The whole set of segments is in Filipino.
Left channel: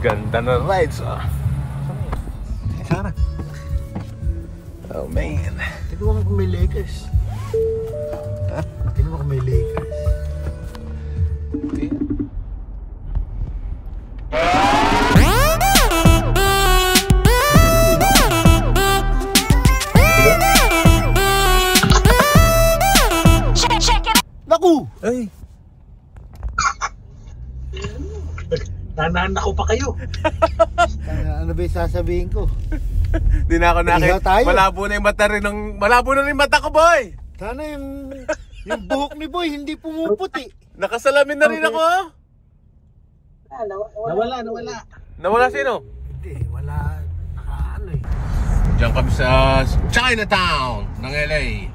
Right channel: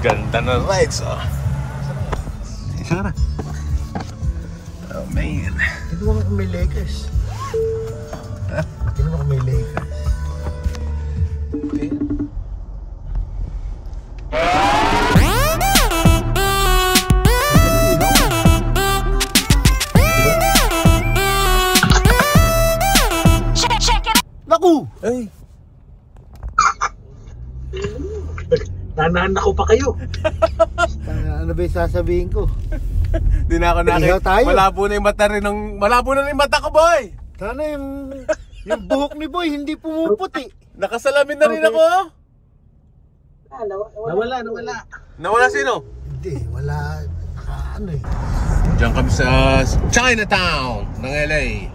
Ganda na rides, oh. Sana. Oh, man. Tignan mo kung may Lakers. Tignan mo kung may Lakers. Okay. Naku! Ay! Nanaan ako pa kayo. Ano ba yung sasabihin ko? Di na ako nakita. Ihaw tayo. Malabo na yung mata rin ng... Malabo na rin yung mata ko, boy! Sana yung buhok ni Boy hindi pumuputi. Nakasalamin na rin ako. Nawala. Nawala sino? Hindi, wala. Ano eh. Diyan kami sa Chinatown ng LA.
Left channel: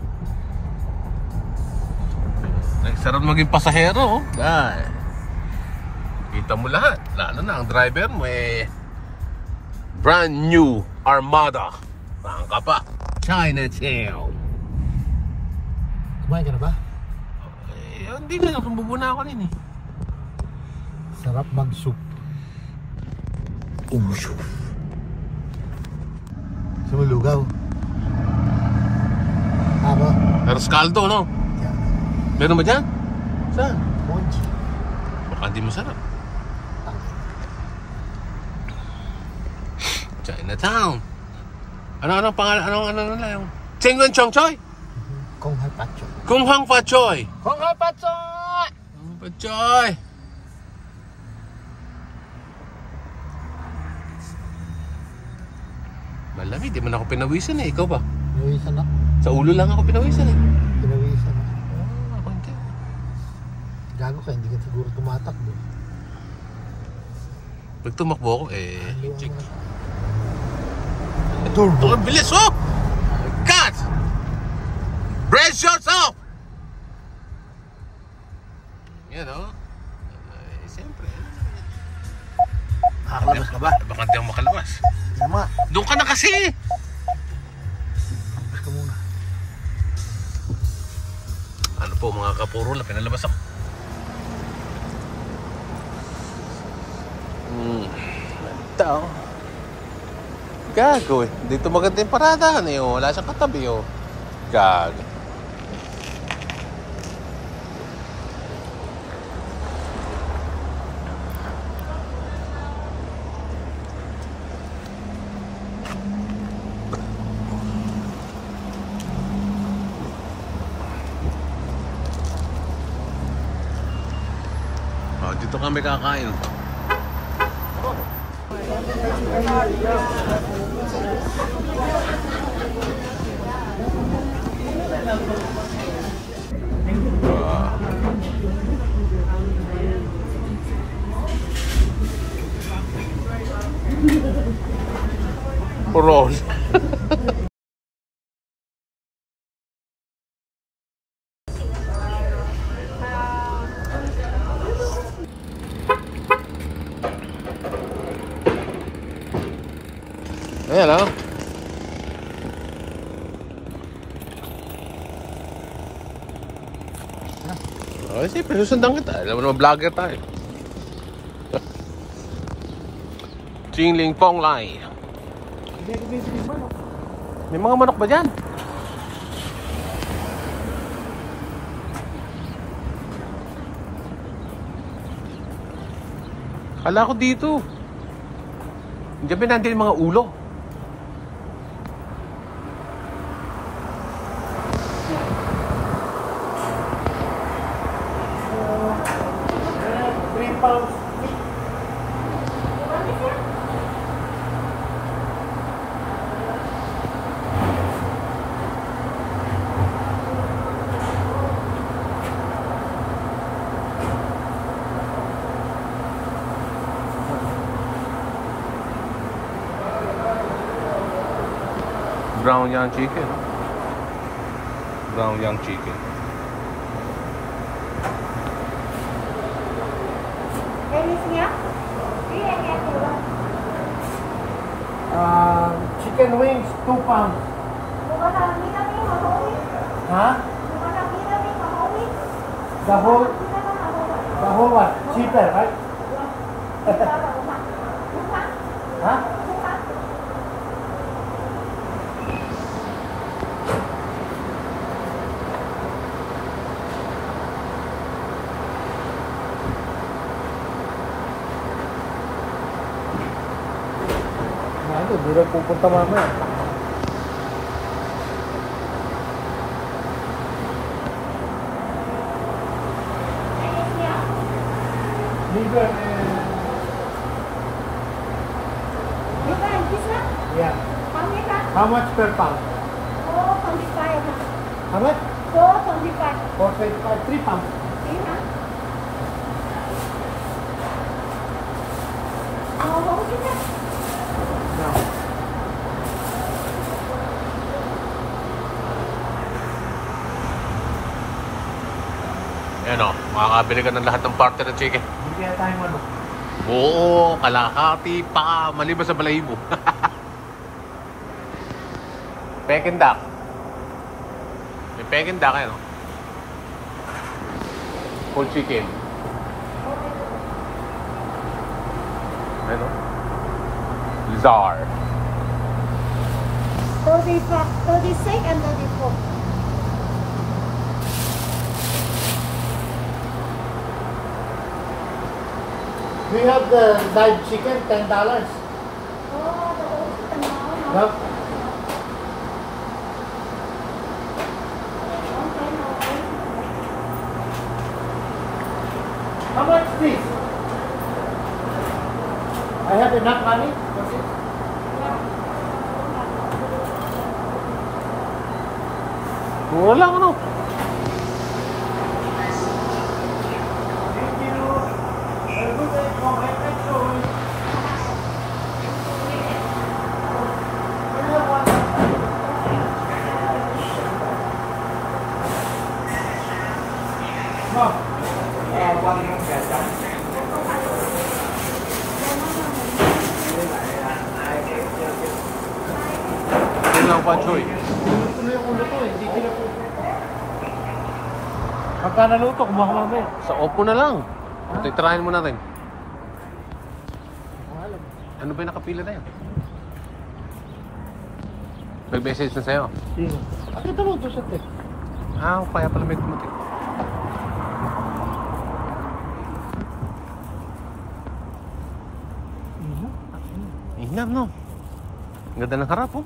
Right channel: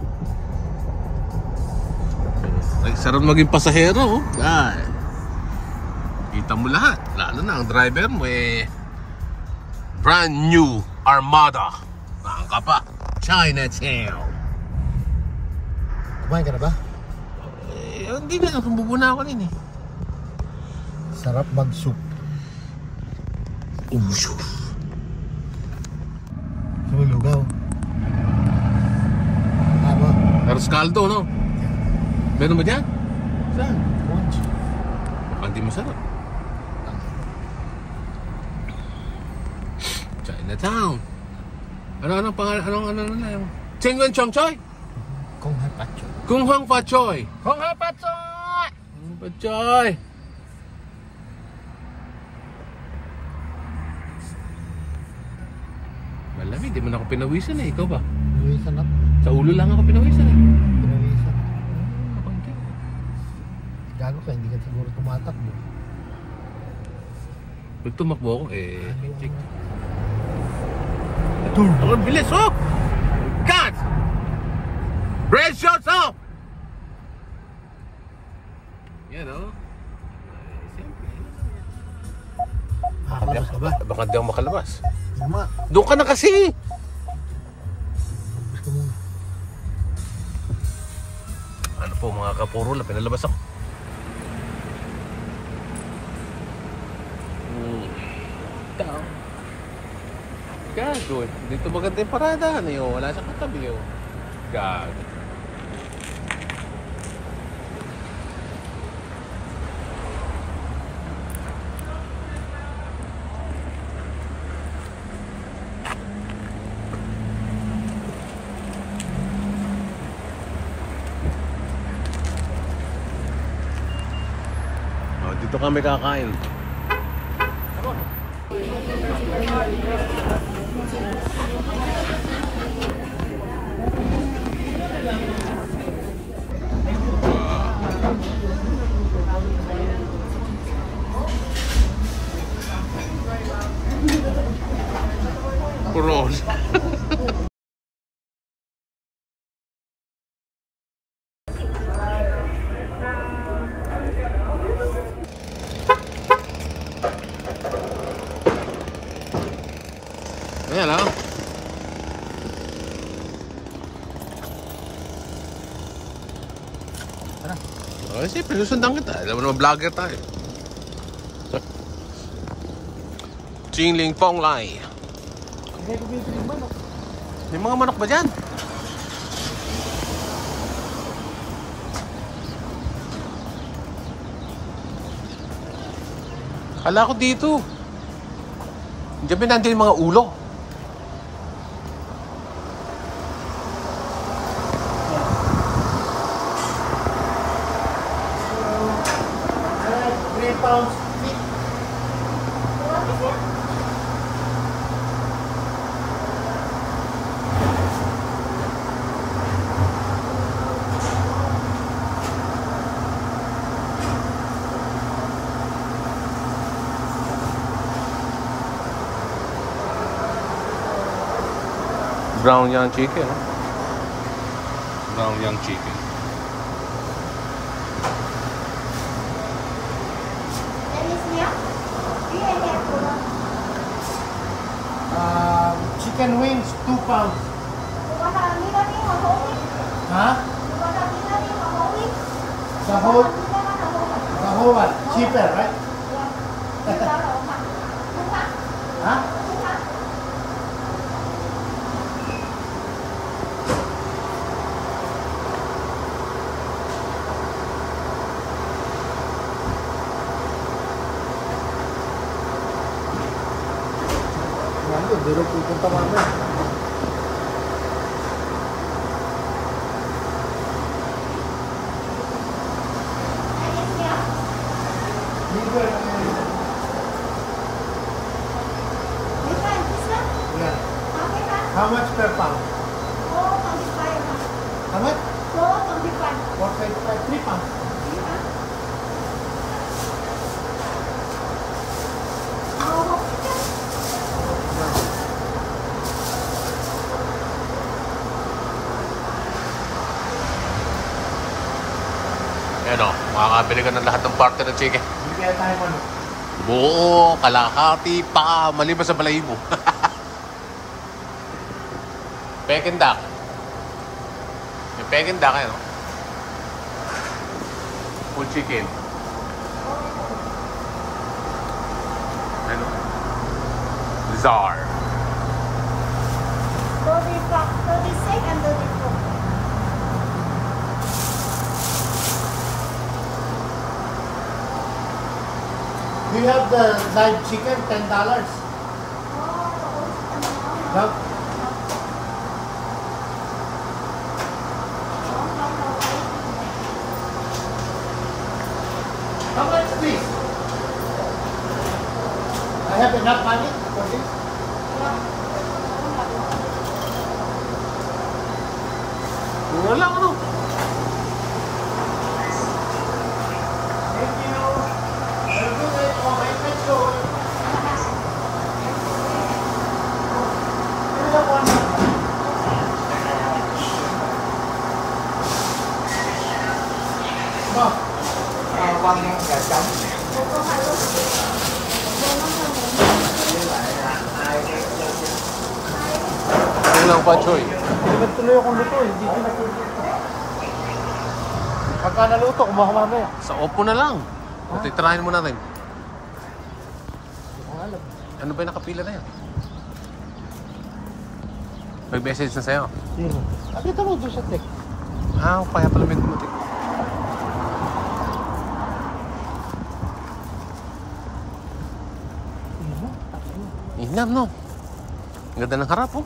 Ay, sarap maging pasahero, oh. Ay. Kita mo lahat. Lalo na ang driver mo eh. Brand new Armada. Tangka pa. Chinatown. Kumain ka na ba? Eh, hindi na. Bubuna ako rin eh. Sarap mag-soup. Soup. Sumulugaw. Aba? Pero scaldo, no? Yan. Meron ba dyan? Saan? Monchi. Baka hindi masarap. Chinatown. Ano pangalan? Ano lang? Chengwen Chong Choi? Kung hapacho. Kung Hang Fa Choi. Kung hapacho! Kung Fa Choi. Malamig, di man ako pinawisan eh. Ikaw ba? Pinawisan ako. Sa ulo lang ako pinawisan eh. Pinawisan. Ako hindi. Gago ka, hindi ka siguro tumatakbo. Pag tumakbo ako eh. Chick. Turbo. Ang bilis, oh! God! Bread shots off! Yan, oh. Ay, siyempre. Kakalabas ka ba? Baka hindi ako makalabas. Tama. Doon ka na kasi! Labas ka muna. Ano po mga kapuro na pinalabas ako. Tao. Gago eh. Dito maganda yung paradahan eh. Oh. Wala siyang katabi oh. Gago. Oh, dito kami kakain. Wow. Purol. Ayan lang. Okay, siyempre, susundan kita. Alam mo naman, vlogger tayo. Jingling Pong Lai. May mga manok ba dyan? Kala ko dito. Diyan pinantin yung mga ulo. Brown young chicken. Brown young chicken. Chicken wings, 2 pounds. Ha? The whole what? Cheaper, right? hindi raw pupunta mamaya. Liver. Different, this one? Yeah. How many pounds? How much per pound? 425, huh? How much? 425. 4.5, 3 pounds. See, huh? How much is that? Yan o, makakabili ka ng lahat ng parte ng chicken. Hindi kaya tayo ano. Buo, kalahati pa, maliban sa balahibo. Peking duck. May Peking duck yan o. Whole chicken. Ano? Lizard. 36 and 34. Do you have the live chicken? $10? No. How much is this? I have enough money for this. Wala ano. Kulang pa, Choy. Tuloy akong luto eh. Hindi sila pagka naluto, kumuha ko mamaya. Sa Oppo na lang. Titirahin mo natin. Ano ba yung nakapila na yan? Nag-message na sa'yo. Sino? Kita mo doon sa text. Kaya pala may dumating. Inam, no? Ang ganda ng harap, oh.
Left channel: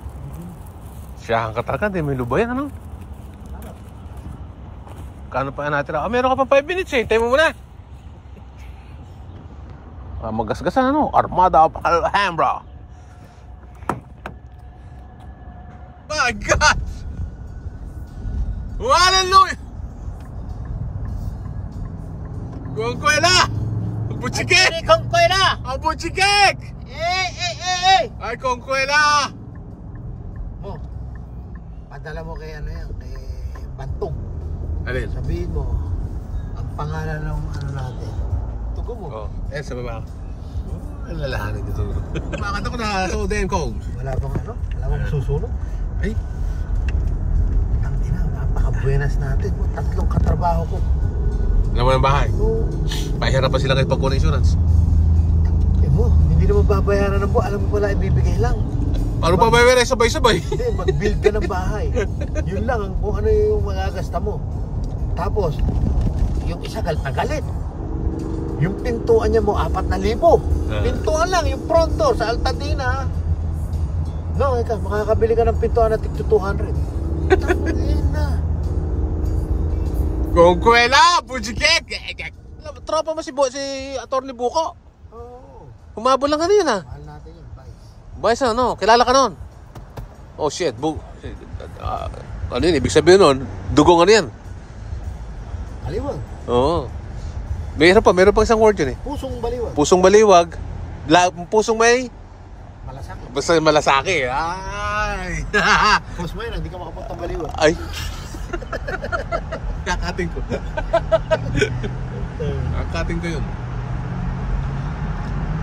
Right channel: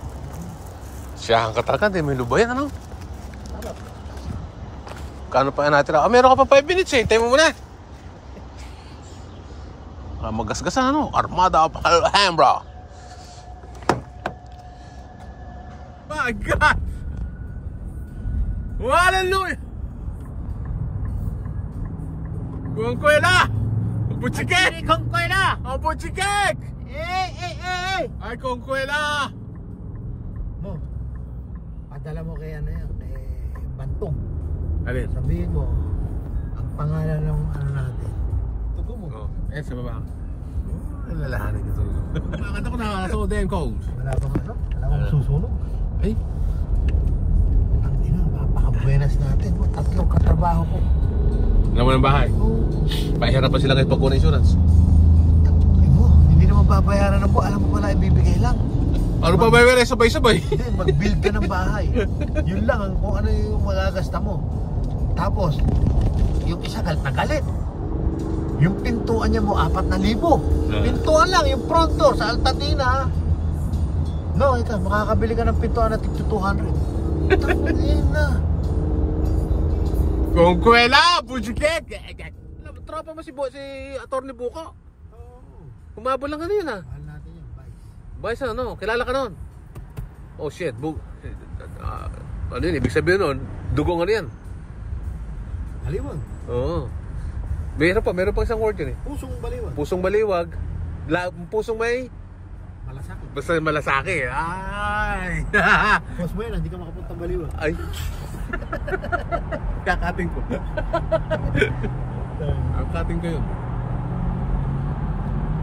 Siya ang katakan, may lubayan, ano? Kano pa natin? Meron ka pa 5 minutes, eh. Hintay mo muna. Magasgasan, ano? Armada of Alhambra. My God! Hallelujah! Kongkwela! Buchikek! Kongkwela! Buchikek! Eh! Ay, Kongkwela! Mo, padala mo kay ano yan, kay Bantong. Alin? Sabihin mo, ang pangalan ng ano natin. Tugo mo. Sa baba. Lalahanin ko ito. Bakit ako na so damn cold? Wala bang ano? Wala bang susunod? Ay, Ang ina, napaka-buenas natin. Tatlong katrabaho ko. alam mo ng bahay. Oo. Pahirap pa sila kahit pagkuha ng insurance. Mo, hindi naman babayaran ng buwan. Alam mo pala, ibibigay lang. Ano pa ba yung sabay-sabay? Hindi, mag-build ka ng bahay. Yun lang ang kung ano yung magagasta mo. Tapos, yung isa galit na galit. Yung pintuan niya mo, 4,000. Pintuan lang, yung front door sa Altadena. No, ito, makakabili ka ng pintuan na tig 200. Tangin na. Kongkwela! Buchikek! Tropa mo si Atty. Buko. Oo. Humabol lang ka yun, ha? Mahal natin yun, bye. Bayos na, no? Kilala ka nun? Oh, shit. Ano yun? Ibig sabihin nun, dugong ano yan? Baliwag. Oo. Meron pa isang word yun, eh. Pusong baliwag. Pusong baliwag. Pusong may... Malasakit. Basta malasaki. Ay! Pus mo yun, hindi ka makapunta baliwag. Ay! Kakating ko. Kakating ko yun.